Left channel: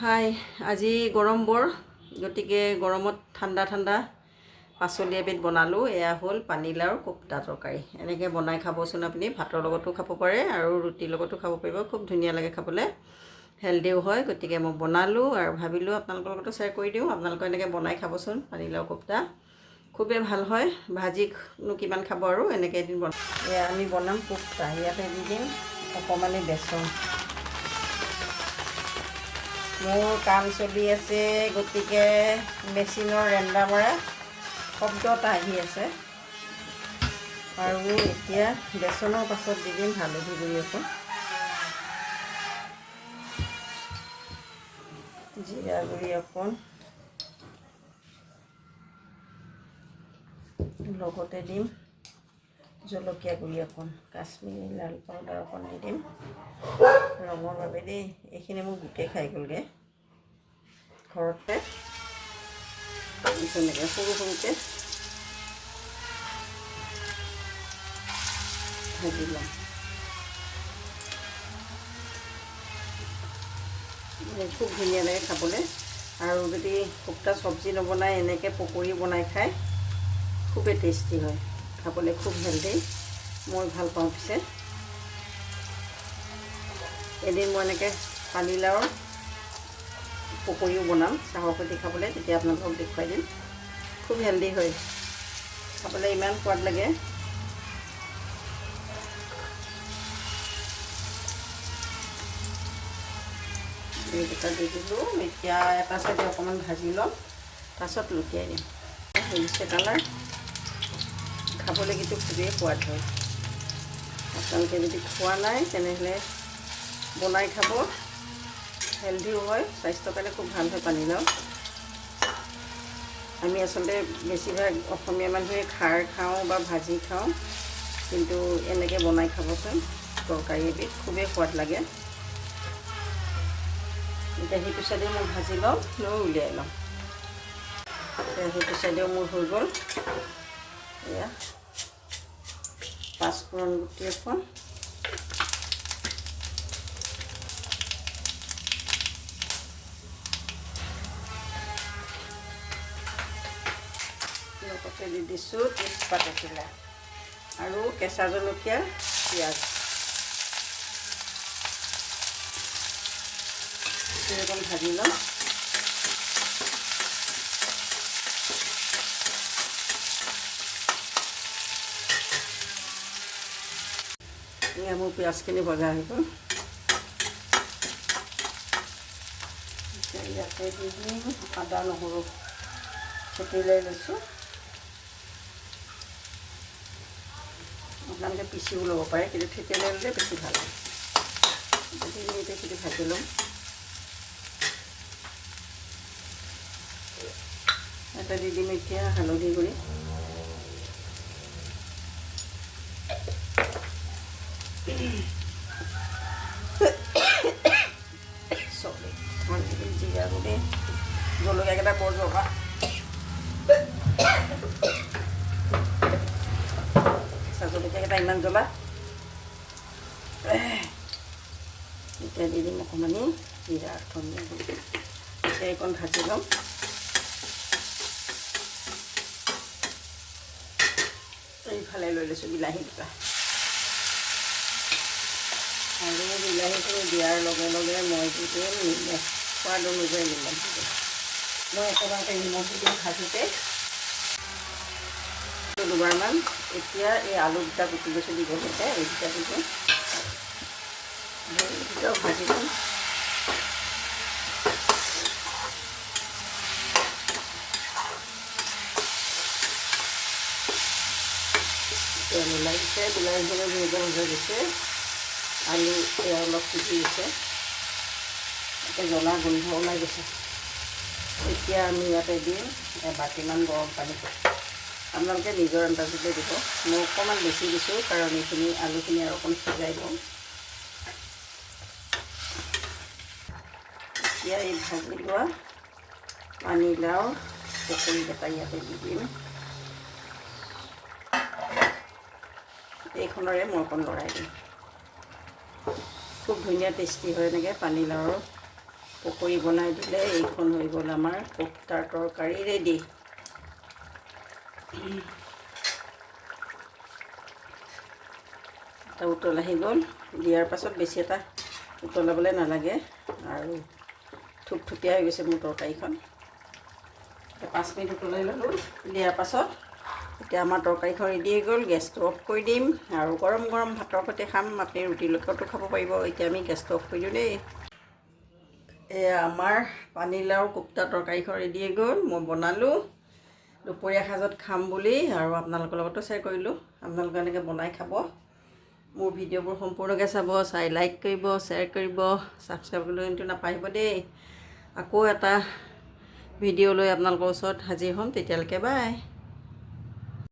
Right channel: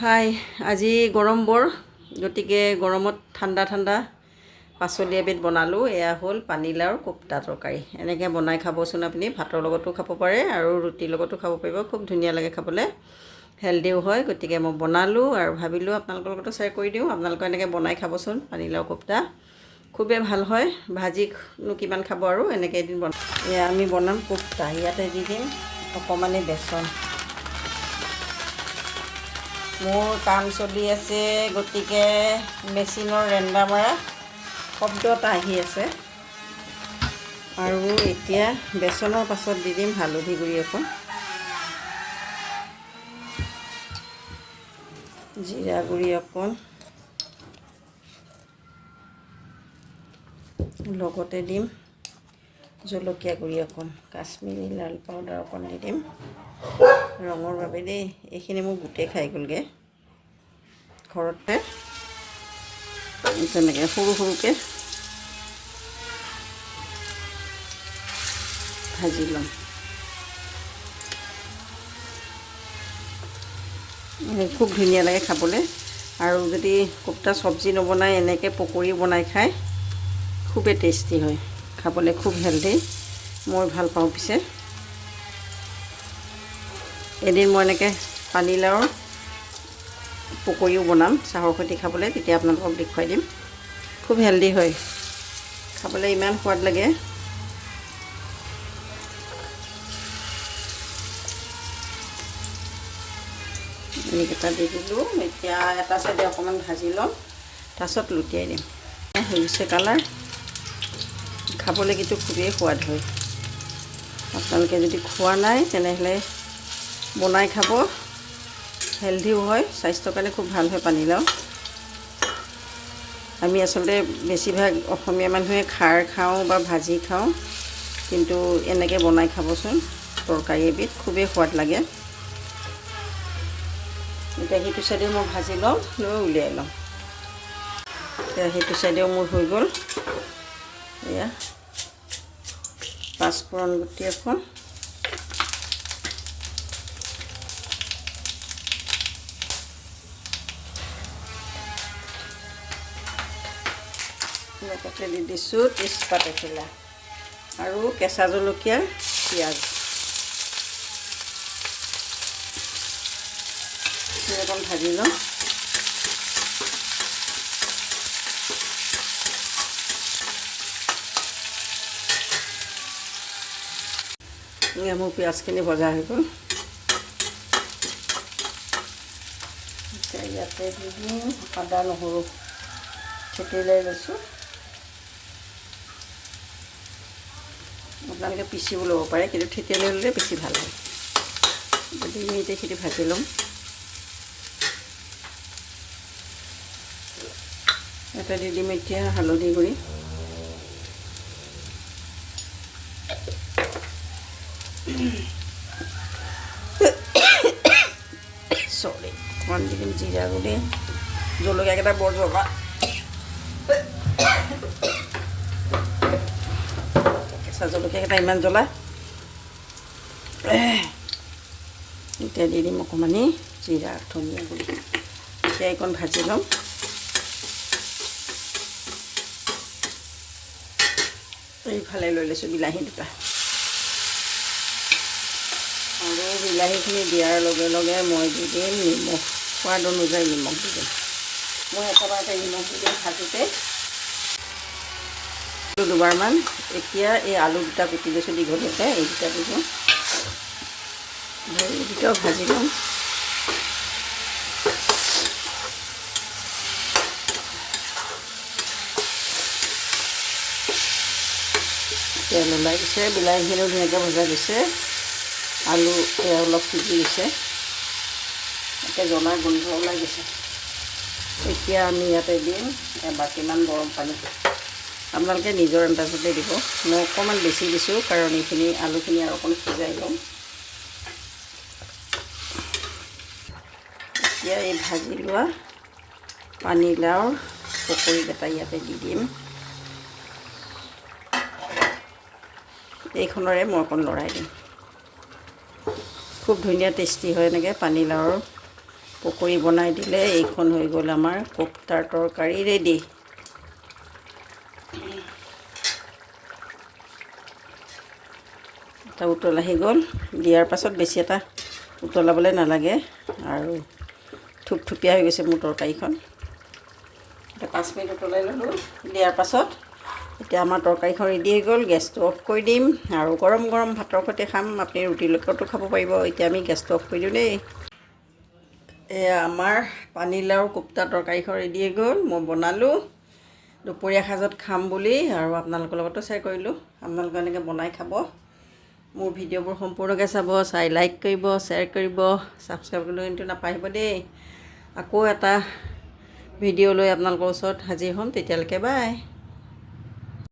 হাই আজি গৰম বৰ গতিকে গৰমত ঠাণ্ডা ঠাণ্ডা পাচলি এবিধ বনালোঁ। এয়া হ'ল পানীলাওৰ কোপ্তা তৰকাৰী। এনেকৈ বনাই খাবচোন, আপুনি ভাতৰ লগতো খাব পাৰে আৰু ৰুটিৰ লগতো খাব পাৰিব। খুব ধুনীয়া লাগে খাবলৈ, হেল্ডিও হয়। গতিকে মই বনালোঁ আৰু ভাবিলোঁ আপোনালোকৰ লগতো শ্বেয়াৰ কৰি দিওঁ। আপোনালোকে এনেকৈ বনাই খাবচোন। পানীলাও কোপ্তা খুবেই ভাল হয়, ভাজিনো কিমান খাব আৰু এনেকৈ এদিন বনাম। এয়া আমি বনাম কোপ্তা। ইয়াতে দি দিম অকণমানি বেচন। মোৰ কাম চলি আছে, গতিকে মেচিনৰ ৰেণ্ডাৰ মৰা শব্দ এটা আহি আছে। আৰু এতিয়া বেচনৰ পাছত দি দিম হালধি গুড়ি অকণ, জিৰা গুড়ি অকণ, লগতে দিম জলকীয়া গুড়ি অকণ, কাশ্মীৰী লাল পাউডাৰ অকণ দি দিম ৰঙৰ বাবে দেই। এইখিনি মোক গোটেই খাই গ'লগৈ ঘৰতে। তেনেকৈ সৰু সৰুকৈ ভাজি ল'ম। খুব ধুনীয়া লাগে খাবলৈ। আৰু যদি কোপ্তা চব্জি নবনাই এনেকৈ পকৰি বনাই খায় খুবেই টেষ্টি হয়, খাবলৈ খুব হেল্ডি। মই ভাল পাওঁ। পিছে এদিন মই এনেকৈ পানীলাওৰ পকৰিও বনাম চাহৰ সৈতে খাবলৈ, তেতিয়া আপোনালোকক দেখুৱাই দিম। খুব হেল্ডি হয়, খাবলৈ ইমান সোৱাদ লাগে। এইকেইটা দি দিলোঁ। এতিয়া এটা চাইডে অকণমান ভাজি ল'ম, তাৰপিছত লুটিয়াই দিম। হৈছে কালাৰ, খাবলৈ কিন্তু খুবেই সোৱাদ হয়। আপোনালোকে যদি খোৱা নাই তেনেহ'লে বনাই খাব, হেল্ডিও হয়, স্বাস্থ্যৰ কাৰণে খুব ভাল হয় পানীলাও। আমি আচলতে বেছিভাগ অসমীয়া মানুহে খাৰ খাওঁ বা ভাজি খাওঁ, কিন্তু এনেকৈ বনাই খাবচোন। তৰকাৰী এবিধ খুবেই সোৱাদ লাগে। এতিয়া সেইটো চাইডেও মই ভাজি লওঁ, লৈ উলিয়াই লওঁ। এতিয়া সেইটো চাইডেও মোৰ হৈ গ'ল। এয়া পাঁচফোৰণ গুটি অকণ, লগতে দি দিছোঁ তেজপাত এখিলা আৰু কেঁচা জলকীয়া, পিঁয়াজ অকণ ভাজি লওঁ। মোৰ পিঁয়াজখিনি ভজা হৈ গ'ল। ইয়াতে দি দিম আদা নহৰু থেতি লৈ লৈছোঁ। আপোনালোকে পিচিও ল'ব পাৰে, কিন্তু থেতিয়াই লৈ ল'লে বেছি ভাল হয়। যদি এতিয়া সেইটো ভাজি ল'ম। ইয়াতে দি দিম এতিয়া হালধি গুড়ি, অকণমান দি দিম জিৰা গুড়ি, জলকীয়াকেইটা বৰ দৰকাৰ। কেঁচা জলকীয়াকেইটা ইমান জ্বলা। এতিয়া দি দিম অকণমানি জিৰা, ধনিয়া গুড়ি। এতিয়া এইকণ ভাজি ল'ম। এইফালে লৈ লৈছোঁ বিলাহী দুটা, আৰু বিলাহীখিনি দিয়াৰ লগে লগে মই দি দিম নিমখ, সোৱাদ অনুযায়ী নিমখ দি দিম। মই একেবাৰতে নিমখ দি দিম ভাজোঁতে দুবাৰমান। এতিয়া এই আলু দুটা কুটি লৈছোঁ দীঘলতে, এই দুটা দি দিম। এই দুটাও ভাজি ল'ম। তেল ওলাই দিছে, বিলাহীখিনিও ধুনীয়াকৈ ভজা দিছে, আলু অলপ সিজি গৈছে, এতিয়া জ্বলাৰ গোন্ধ ওলাই গৈছে। এতিয়া আমি ইয়াতে দিম এবাটিমান গৰম পানী। আপোনালোকে নিজৰ আন্দাজতে দিব। মই অকণমান বেছি দিছোঁ, কাৰণ এইখিনি আলুখিনি আৰু অকণ সিজাই ল'ম। এতিয়া এই ভাজি লোৱা পানীলাওৰ পকৰিকেইটা ইয়াতে দি দিম। এইখনৰে মই অকণ লৰাই দিম। খুব ধুনীয়া টেষ্টি হয় এনেকৈ পানীলাওৰ পকৰি বনাই দিলে এইখন হৈ গ'ল আমাৰ কোপ্তাৰ তৰকাৰী ৰেডি। এটা উতল আহি গ'ল, দিয়াৰ পাছত বেছি এটা উতলাবলৈ নালাগে আৰু থুপথুপীয়া হৈ গৈছে মোৰ তৰকাৰীখন। এতিয়া 5 মিনিট উতলাই ল'লোঁ, দিয়াৰ পাছত এতিয়া আমাৰ তৰকাৰীখন ৰেডি হৈ গ'ল। গেছটো অফ কৰি দিম আৰু গৰম গৰম ভাতৰ সৈতে খাম। আপুনি ৰুটিৰ লগতো খাব পাৰিব। এতিয়া আমি গেছটো অফ কৰি দিওঁ দেই। এয়া আমাৰ পানীলাওৰ কোপ্তা তৰকাৰীখন ৰেডি হৈ গ'ল। মই বনালোঁ দুপৰীয়া সাজত খাম বুলি আৰু আপোনালোকৰ লগতো শ্বেয়াৰ কৰিলোঁ। আপোনালোকে এনেকৈ বনাই খাব। মোৰ ভিডিঅ'বোৰ সম্পূৰ্ণকৈ চাব, চাই লাইক কৰিব, শ্বেয়াৰ কৰিব, ছাবস্ক্ৰাইব কৰিবলৈ কিন্তু নাপাহৰিব দেই। আকৌ এটা ভিডিঅ' লৈ আপোনালোকৰ ওচৰত হাজিৰ হ'ম। তেতিয়ালৈকে বাই।